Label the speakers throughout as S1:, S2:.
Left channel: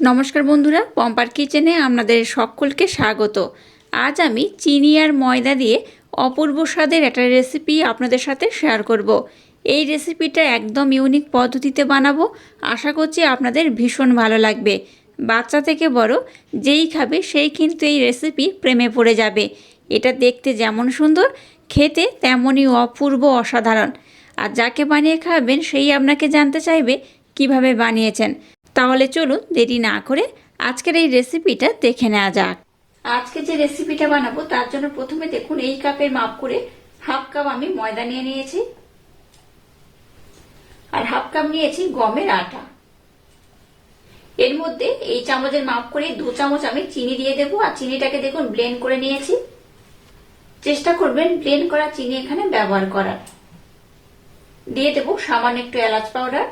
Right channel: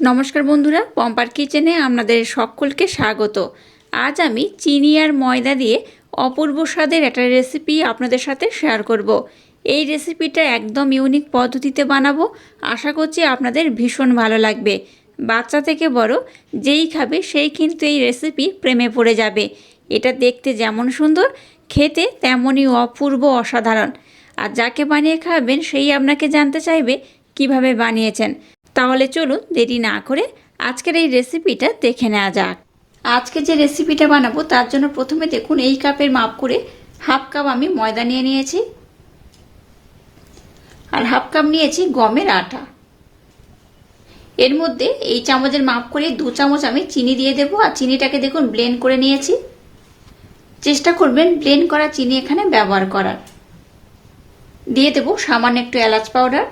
S1: নমস্কার বন্ধুরা, পম্পার কিচেনে আপনাদের সকলকে স্বাগত। আজ আমি চিনি আর ময়দা দিয়ে অপূর্ব স্বাদের একটা রেসিপি আপনাদের সাথে শেয়ার করব। এই রেসিপিটা একদম ইউনিক পদ্ধতিতে বানাবো, আশা করছি আপনাদের ভীষণ ভালো লাগবে। বাচ্চা থেকে বড়, যেই খাবে সেই কিন্তু এই রেসিপি প্রেমে পড়ে যাবে। এটা দেখতে যেমন সুন্দর, খেতে তেমনই অপূর্ব অসাধারণ। আর যাকে বানিয়ে খাবেন সেই আপনাকে জানতে চাইবে কীভাবে বানিয়েছেন। তাহলে চলুন দেরি না করে আজকের এই রেসিপিটা দেখে নেওয়া যাক। আজকে যে রেসিপিটা বানাবো, তার জন্য প্রথমে দেখুন এই কাপের মাপ করে হাফ কাপ আমি ময়দা নিয়ে নিয়েছি আর হাফ কাপ নিয়েছি গমের আটা। এর মধ্যে এই চামচের মাপ করে দু চামচ আমি চিনি দিয়ে দেবো আর চিনিটাকে দেখুন ব্লেন্ড করে নিয়েছি। চেষ্টা করবেন ব্লেন্ড করা চিনি এখানে ব্যবহার করার। দিয়ে দেবো সামান্য একটু এলাচ পাউডার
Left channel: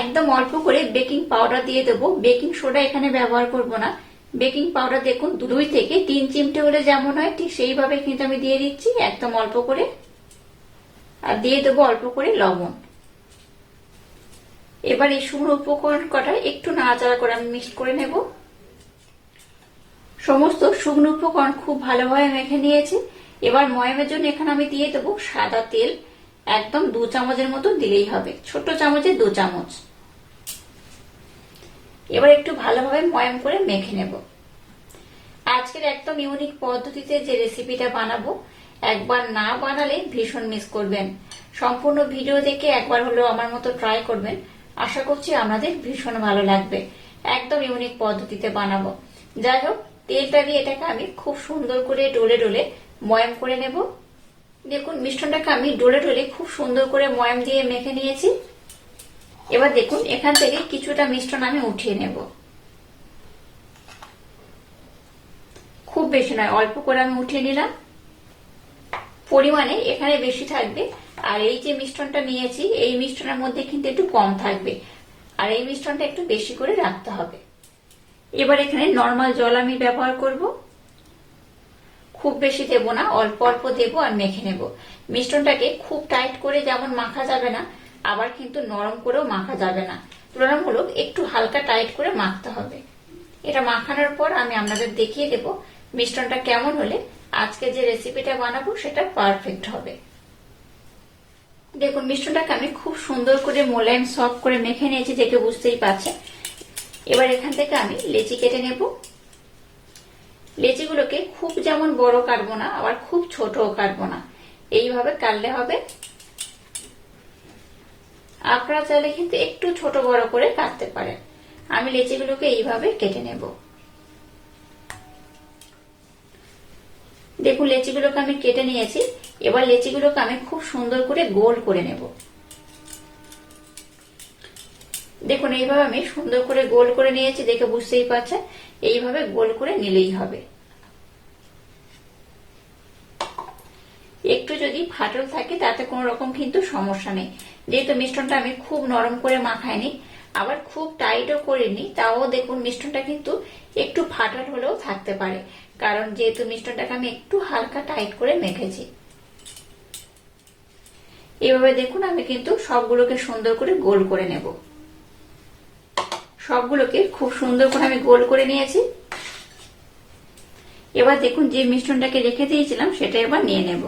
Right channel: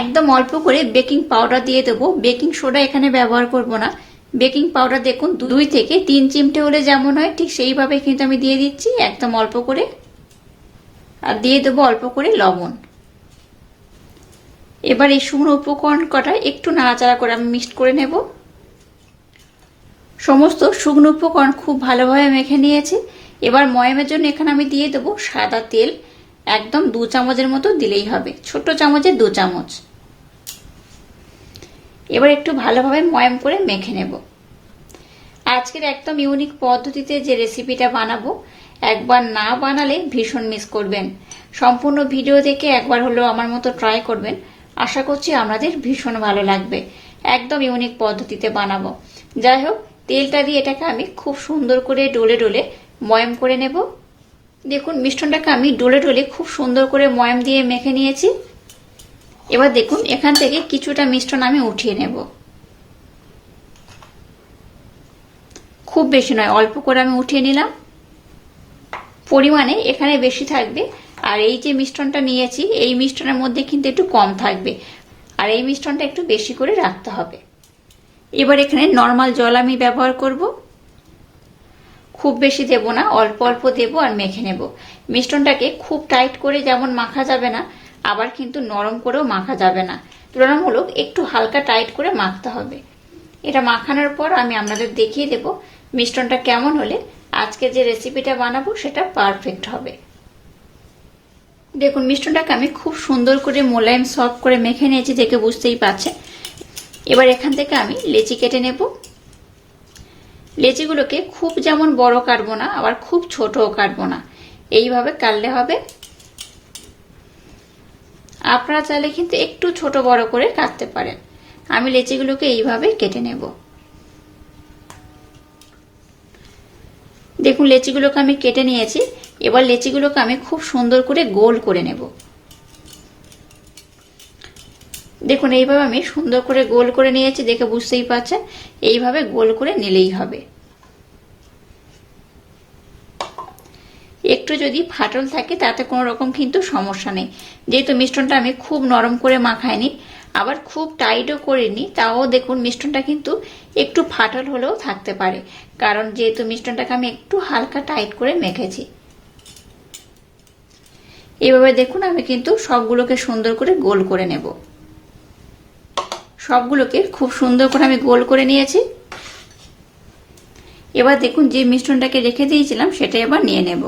S1: একদম অল্প করে বেকিং পাউডার দিয়ে দেবো। বেকিং সোডা এখানে ব্যবহার করব না। বেকিং পাউডার দেখুন, দুই থেকে তিন চিমটে হলে যেমন হয়, ঠিক সেইভাবে কিন্তু আমি দিয়ে দিচ্ছি, একদম অল্প করে। আর দিয়ে দেবো অল্প করে লবণ। এবার এই শুকনো উপকরণ কটা একটু নাড়াচাড়া করে আমি মিক্সড করে নেব। সমস্ত শুকনো উপকরণ খুব ভালোভাবে মেখে নিয়েছি। এবার ময়ামের জন্য এখানে আমি দিয়ে দেবো সাদা তেল। একদম দু চামচের মতো দিলেই হবে। ছোট চামচে দু চামচ। এবার একটু ভালোভাবে ময়াম করে মেখে নেব। আজকের একদম ইউনিক পদ্ধতিতে যে রেসিপিটা বানাবো, একবার না বানালে ভীষণ মিস করবেন। সম্পূর্ণ ভিডিও দেখে একবার হলেও আমার মতো ট্রাই করবেন। আশা করছি আপনাদের ভীষণ ভালো লাগবে। একদম ইউনিক পদ্ধতিতে বানাবো। যাই হোক, তেলটা দিয়ে এটাকে আমি খুব সুন্দর করে ডোলে ডোলে ময়াম করে নেব। দেখুন, মিষ্টনটাকে আমি ডোলে ডোলে খুব সুন্দর করে ময়াম দিয়ে মেখে নিয়েছি। এবার দেখুন, এখান থেকে কিছুটা মিষ্টন আমি উঠিয়ে নেব। খুব বেশি নয়, অল্প করে আমি উঠিয়ে নিলাম। পরিমাণে এখানে বেশি থাকবে। আর এই যে মিষ্টনটা নিয়েছি, এই মিষ্টনের মধ্যে কিন্তু একটু কম থাকবে। আর এই মিষ্টনটা একটু বেশি করে রাখতে হবে। এবার এখানে নর্মাল জল আমি ব্যবহার করব। খুব বেশি দেব না, অল্প অল্প দেব আর মেখে নেব। মিষ্টনটাকে খুব টাইট করে যেমন মাখা যাবে না, আবার কিন্তু নরম করেও মাখা যাবে না। তুলনামূলক একটু হালকা টাইট করে মাখতে হবে। এটা মাখানোর পর আমি আপনাদের দেখিয়ে দেব মিষ্টনটা কেমন হলে আজকে যে রেসিপিটা বানাবো সেটা পারফেক্ট হবে। দেখুন মিষ্টনটাকে আমি খুব সুন্দর করে মোলায়েম সফট করে মেখে নিয়েছি, দেখে বুঝতেই পারছেন। এবার এখান থেকে আমি লেচি কেটে নেব। লেচিগুলোকে খুব যেমন বড় কাটবো না আবার খুব ছোটও কাটবো না এইভাবে কাটলে হবে। আপনারা চাইলে কিন্তু একটু ছোট বড় করে কাটতে পারেন। আমি লেচিগুলোকে এইভাবে কেটে নেব। দেখুন, লেচিগুলোকে আমি কেটে নিয়েছি। এবার লেচিগুলোকে আমি খুব সুন্দর করে গোল করে নেব। দেখুন, এইভাবে আমি সুন্দর করে গোল করে নিয়েছি, দেখে বুঝতেই পারছেন। এইভাবে গোল করে নিলেই হবে। একটু যদি ফাটল থাকে, তাতে কোনো রকম কিন্তু সমস্যা নেই। যেহেতু মিষ্টনটা আমি খুব নরম করে মাখাইনি, আবার খুব টাইটও করিনি, তাও দেখুন মিষ্টনটা কিন্তু একটু ফাটল হলেও থাকতে পারে। কারণ যেহেতু মিষ্টনটাকে আমি একটু হালকা টাইট করে মেখেছি। এভাবে দেখুন, আমি কিন্তু সবগুলোকে সুন্দর করে গোল করে নেব। সবগুলোকে খুব সুন্দর করে আমি গোল করে নিয়েছি। এবার দেখুন যে মিশ্রণটাকে রেখে দিয়েছিলাম সেটা এবার নিয়ে নেব।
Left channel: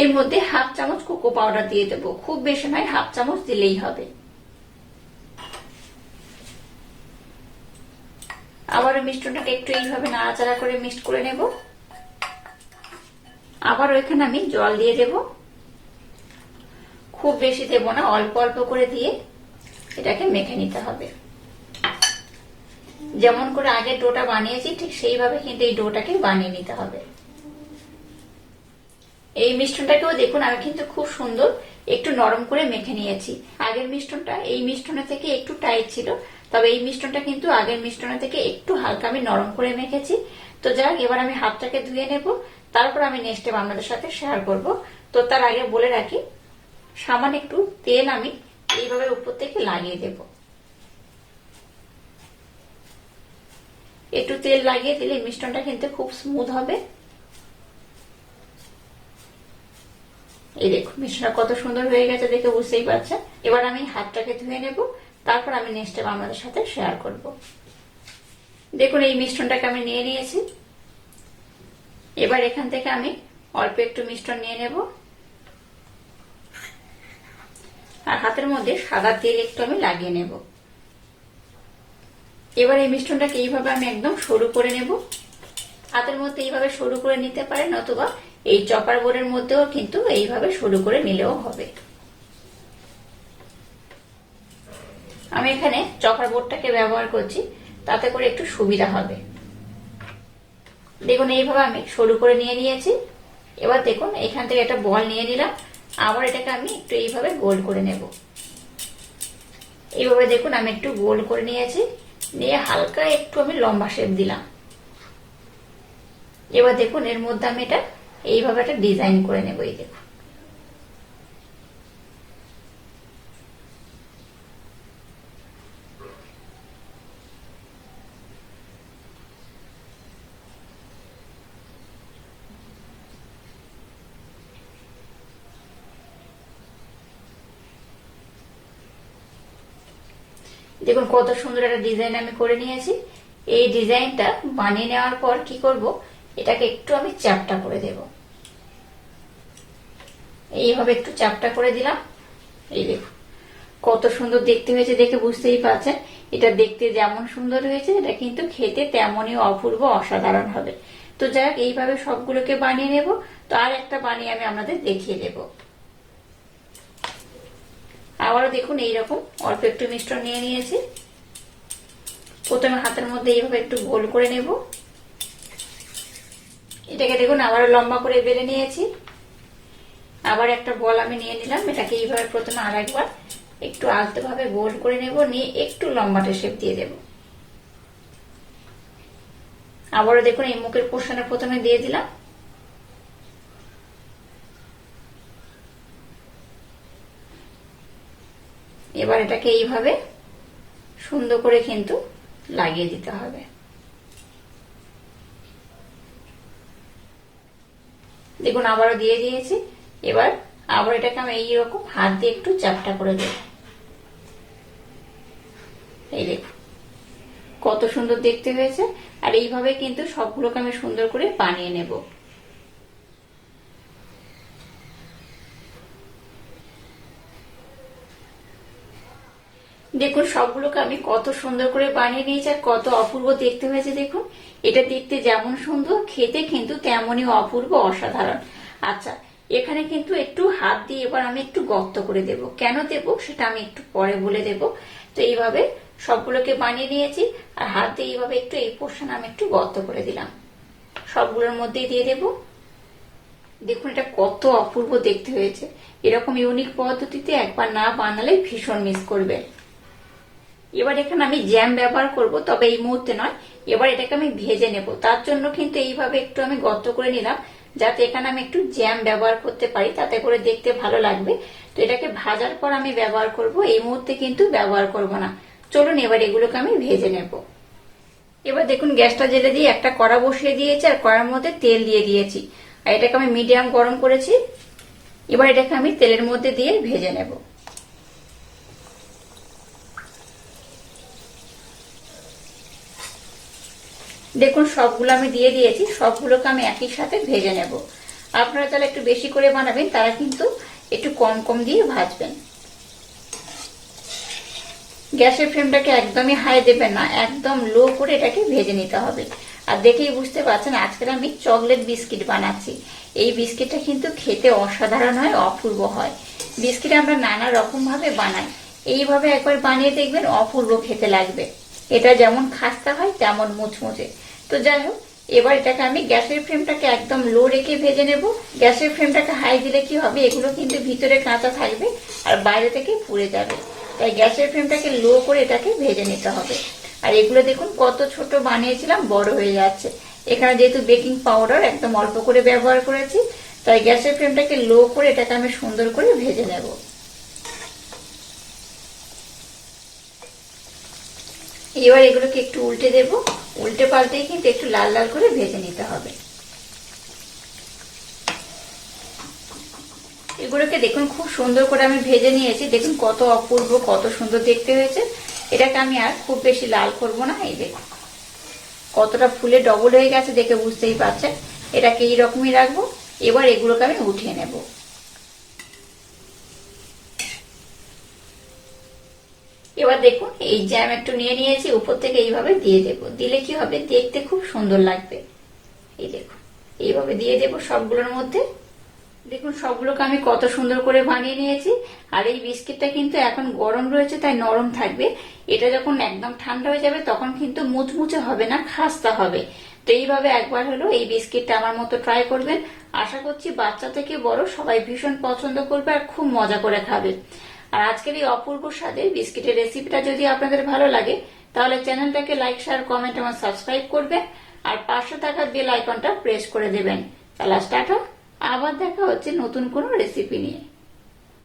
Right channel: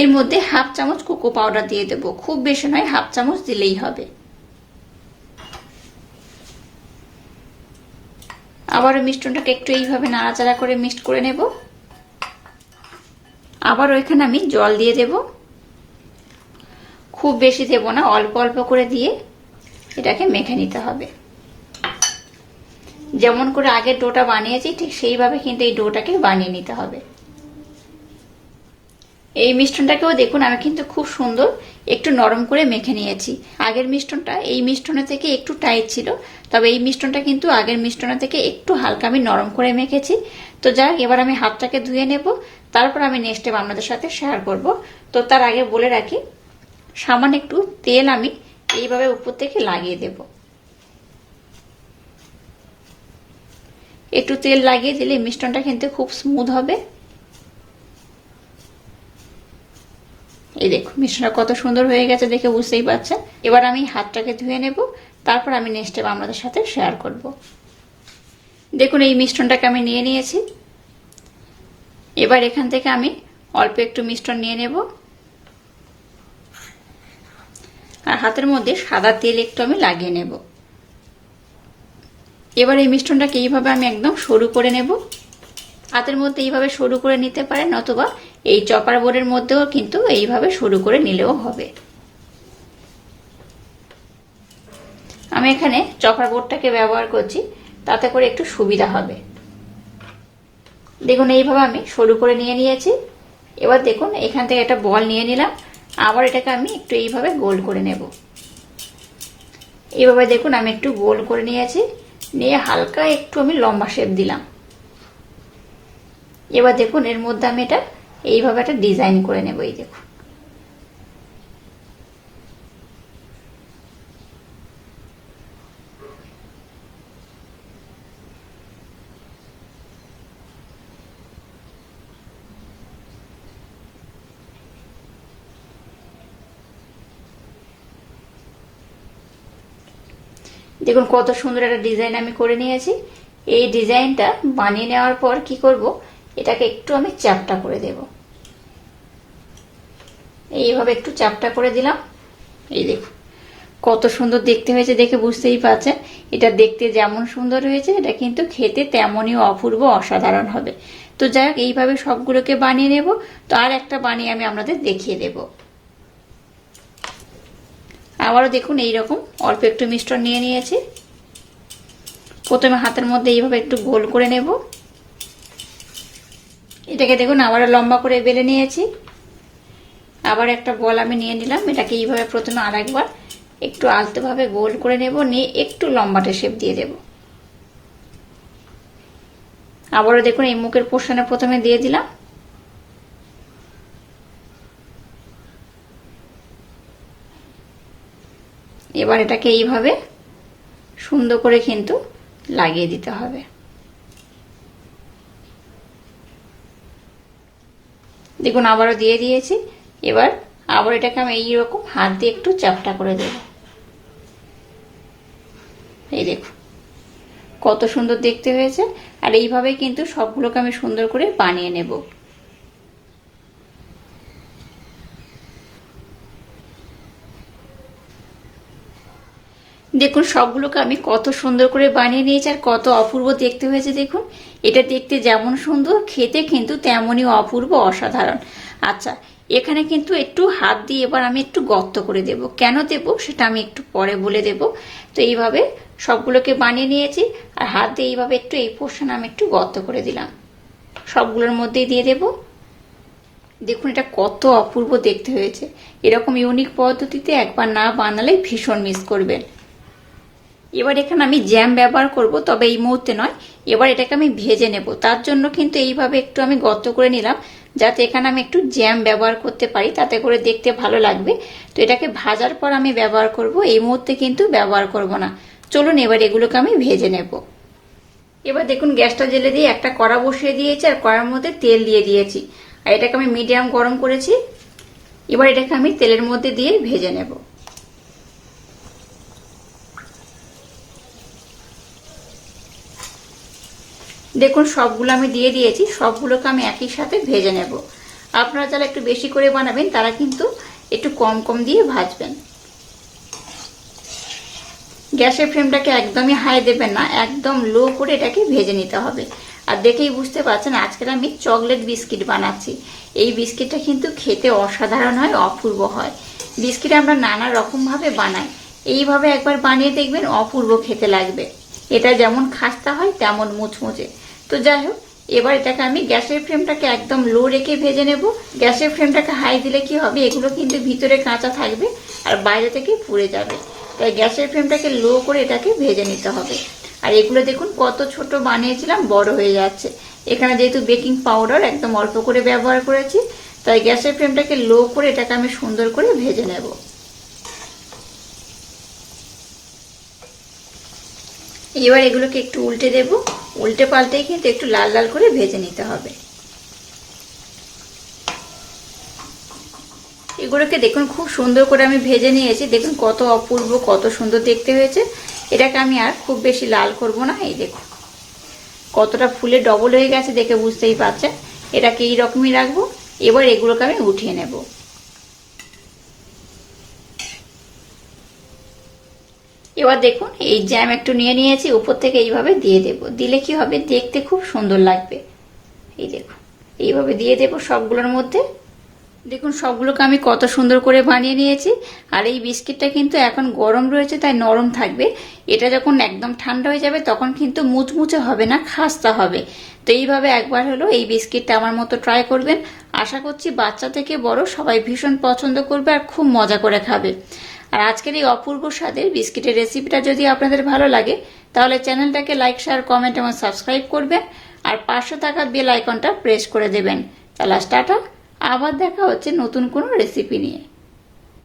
S1: এর মধ্যে হাফ চামচ কোকো পাউডার দিয়ে দেব। খুব বেশি নয়, হাফ চামচ দিলেই হবে। আবার মিষ্টনটাকে একটু এইভাবে নাড়াচাড়া করে মিক্সড করে নেব। আবার ওইখানে আমি জল দিয়ে দেব। খুব বেশি দেব না, অল্প অল্প করে দিয়ে। এটাকে মেখে নিতে হবে। যেমন করে আগে ডোটা বানিয়েছি, ঠিক সেইভাবে কিন্তু এই ডোটাকে বানিয়ে নিতে হবে। এই মিষ্টনটাকেও দেখুন, আমি কিন্তু খুব সুন্দর একটু নরম করে মেখে নিয়েছি। আগের মিষ্টনটা এই মিষ্টনের থেকে একটু টাইট ছিল, তবে এই মিষ্টনটা কিন্তু আগের মিষ্টনের থেকে একটু হালকা আমি নরম করে মেখেছি। তো যাক, এবার আমি হাতটাকে ধুয়ে নেব, তারপর আমি নেক্সট টাইম আপনাদের সাথে শেয়ার করব। তো তার আগে বলে রাখি, সামান্য একটু তেল আমি এইভাবে উপর থেকে লাগিয়ে দেব। একটু তেল লাগিয়ে দিলে মিষ্টনটা কিন্তু খুব স্মুথ হবে। এই দেখো মিশ্রণটা কত সুন্দর হয়ে গেছে দেখে বুঝতেই পারছেন। এবার আমি হাতটাকে ধুয়ে নেব, তারপর আমি নেক্সট স্টেপ আপনাদের সাথে শেয়ার করব। দেখুন, এই মিশ্রণটাকে আমি নিয়ে নিয়েছি। এবার এখান থেকে আমি অল্প একটু মিশ্রণ নিয়ে নেব। আর হাতের মধ্যে সাদা তেল একটু আমি লাগিয়ে নেব। এবার এই মিশ্রণটাকে এইভাবে আমি একদম সরু করে নেব। হাতের মধ্যে এইভাবে সরু করে নিতে পারেন অথবা এই চপার বোর্ডের মধ্যেও কিন্তু এইভাবে সরু করে নিলেও হবে। আমি এখানে চপার বোর্ডটাকে ব্যবহার করছি, তাতে করে একটু সুবিধা হবে। দেখুন, এইভাবে আমি সরু করে নিয়ে নিয়েছি। এবার দেখুন, এখান থেকে একটা বল নিয়ে নিলাম। আবার এটাকে আমি একটু এইভাবে গোল করে নেব। এইভাবে দেখুন আমি একটু গোল করে নিয়েছি, নিয়ে হালকা একটু আমি লম্বা শেপ দিলাম। এবার দেখুন এর মধ্যে আমি এটা এইভাবে একটা ডিজাইন করে নেব, এই দেখুন। দেখুন কত সুন্দর একটা ডিজাইন আমি করে নিয়েছি। এই ডিজাইনটা বানিয়ে নেওয়ার পর কি করব? এটাকে একটু আমি চাপটা করে দেব। এইভাবে একটু চাপটা করে দিলাম। এই দেখুন, কত সুন্দর দেখতে হয়েছে দেখে বুঝতেই পারছেন। এটা দেখতে যেমন সুন্দর হয়েছে, এটা কিন্তু খেতে তেমনই অপূর্ব অসাধারণ হবে। তো যাই হোক, এইভাবে সবগুলোকে বানিয়ে নেব। তো আর একটা বানিয়ে আমি আপনাদের দেখিয়ে দেবো। আবারও দেখুন এইরকম। অল্প একটু মিশ্রণ নিয়ে নিয়েছি। প্রথমে হাতের মধ্যে এইভাবে একটু গোল করে নেব। এটাকে দেখুন আবারও লম্বা করে বেলে নিয়েছি। আবার একটা বল আমি নিয়ে নিলাম। এটাকে এইভাবে প্রথমে আর একবার একটু আলতোভাবে গোল করে নেব। নিয়ে একটু লম্বাটে শেপ দিয়ে দেব। আবারও দেখুন এই মুখের পোষণে প্রথমে দিয়ে দিলাম। এবার এটাকে এইভাবে সুন্দর করে কিন্তু লাগিয়ে দিতে হবে। দেখুন, আবারও দিয়ে দিয়েছি। এবার আবার এটাকে আমি এইরকম হাত দিয়ে একটু চাপটা করে দেব। এই দেখুন, কত সুন্দর দেখতে হয়েছে। আর এইভাবে কিন্তু সবগুলোকে আমি সুন্দর করে বানিয়ে নেব। দেখুন, সবগুলোকে আমি কত সুন্দর করে বানিয়ে নিয়েছি আর কত অপূর্ব দেখতে হয়েছে, দেখুন। এটা দেখতে যেমন সুন্দর, খেতে কিন্তু তেমনই অপূর্ব, অসাধারণ। আচ্ছা এখানে কিন্তু একটু হাত দিয়ে এবার আমি একটু গর্ত করে দেব। কেন দেব? সেটা আমি একটু পরে বলে দেব। তো এইভাবে সবগুলোকে বানিয়ে নিয়েছি আর হাত দিয়ে এইভাবে একটু এই পোর্শন আমি একটু গর্ত করে দিলাম। সবগুলোর মধ্যে দিয়ে দেব। দেখুন, এটা কত অপূর্ব দেখতে হয়েছে। এরকম ইউনিক পদ্ধতিতে একবার না বানালে ভীষণ মিস করবেন। এবার এখানে আমি জ্যাম ব্যবহার করব, তবে এই মুহূর্তে নয়। এবার এটাকে আমি ভেজে নেব। তার জন্য কিন্তু এইভাবে একটু আমি গর্ত করে নিলাম, যাতে এখানে আমি একটু জ্যাম ব্যবহার করতে পারি, তাতে করে দেখতে ভালো লাগবে। তো এটাকে ভাজার পর আমি ব্যবহার করব, এই মুহূর্তে কিন্তু ব্যবহার করব না। চলুন এবার এগুলোকে আমি ভেজে নেব। এবার দেখুন, গ্যাসটা জেলে দিয়ে একটা কড়া বসিয়ে দিয়েছি, আর কড়ার মধ্যে তেল দিয়ে দিয়েছি। আর এটাকে আমি মিডিয়াম গরম করেছি। এবার এটাকে আমি তেলের মধ্যে দিয়ে ভেজে নেব। দেখুন, সবগুলো আমি দিয়ে দিয়েছি, সবগুলোকে আমি একই সাথে ভেজে নেব। আপনারা তাহলে একটু বেশি করে বানাবেন, তারা কিন্তু একটু কম কম দিয়ে ভাজবেন। গ্যাসের ফ্লেমটাকে একদমই হাই দেবেন না, একদম লো করে এটাকে ভেজে নিতে হবে। আর দেখেই বুঝতে পারছেন, আজকাল আমি চকলেট বিস্কিট বানাচ্ছি। এই বিস্কিটটা কিন্তু খেতে অসাধারণ হয়, অপূর্ব হয়। বিস্কিট আমরা নানা রকম ভাবে বানাই। এইভাবে একবার বানিয়ে দেখবেন, অপূর্ব খেতে লাগবে। এটা যেমন খাস্তা হয়, তেমন মুচমুচে। তো যাই হোক, এবার এটাকে আমি গ্যাসের ফ্লেমটাকে একদম লো রেখে ভেজে নেব। গ্যাসের ফ্লেমটাকে হাই দিলে কি হবে? এগুলো কিন্তু ভিতরে কাঁচা থাকবে আর বাইরে থেকে পুড়ে যাবে। তাই গ্যাসের ফ্লেমটাকে লো করে এটাকে ভেজে নিতে হবে। আর এগুলো দেখুন কত ছোট বানিয়েছিলাম, বড় হয়ে যাচ্ছে। এখানে যেহেতু বেকিং পাউডার একদম অল্প করে ব্যবহার করেছি, তাই গ্যাসের ফ্লেমটাকে লো করে এটাকে আমি সুন্দর করে ভেজে নেব। এবার এগুলোকে একটু উল্টে দেব। উল্টে পাল্টে কিন্তু একটু লাল লাল করে ভেজে নিতে হবে। এগুলোকে দেখুন, খুব সুন্দর করে আমি ভেজে নিয়েছি। দেখুন কত অপূর্ব, কত সুন্দর দেখতে হয়েছে। এটাকে আমি আর খুব বেশি লাল করব না, এই দেখুন। কতটা ফুলে ডবল হয়ে গেছে দেখে বুঝতেই পারছেন। এটাকে এইরকমই রাখব। এবার এগুলোকে আমি উঠিয়ে নেব। এবার দেখুন, এই জ্যাম একটু নিয়ে নিয়েছি, উপর থেকে এইভাবে দিয়ে দেব। দিলে কি হবে? দেখতে খুব সুন্দর লাগবে। এই দেখুন, এইভাবে দিয়ে দেব সবগুলোর মধ্যে। দেখুন, সবগুলোকে আমি কত সুন্দর করে বানিয়ে নিয়েছি। আর এই বিস্কিটটা কিন্তু এখন গরম রয়েছে, তাই নরম থাকবে। এটা যখন একদম ঠান্ডা হয়ে যাবে, তখন কিন্তু মুচমুচে হবে না, খাস্তা হবে। তো এইভাবে একবার হলো এই বিস্কিটটা আমার মতো ট্রাই করবেন। আশা করছি বাচ্চা থেকে বড় সবাই ভীষণ পছন্দ করবে আর খুব মজা করে খাবে। আর আজকের এই অপূর্ব স্বাদের বিস্কিটের রেসিপিটা যদি আপনাদের ভালো লাগে, তাহলে চ্যানেলটাকে লাইক শেয়ার কমেন্ট এবং সাবস্ক্রাইব করবেন। আর পাশে থাকা বেল আইকনটা প্রেস করে দেবেন। তাহলে টাটা আবার দেখা হচ্ছে নতুন কোনো রেসিপি নিয়ে।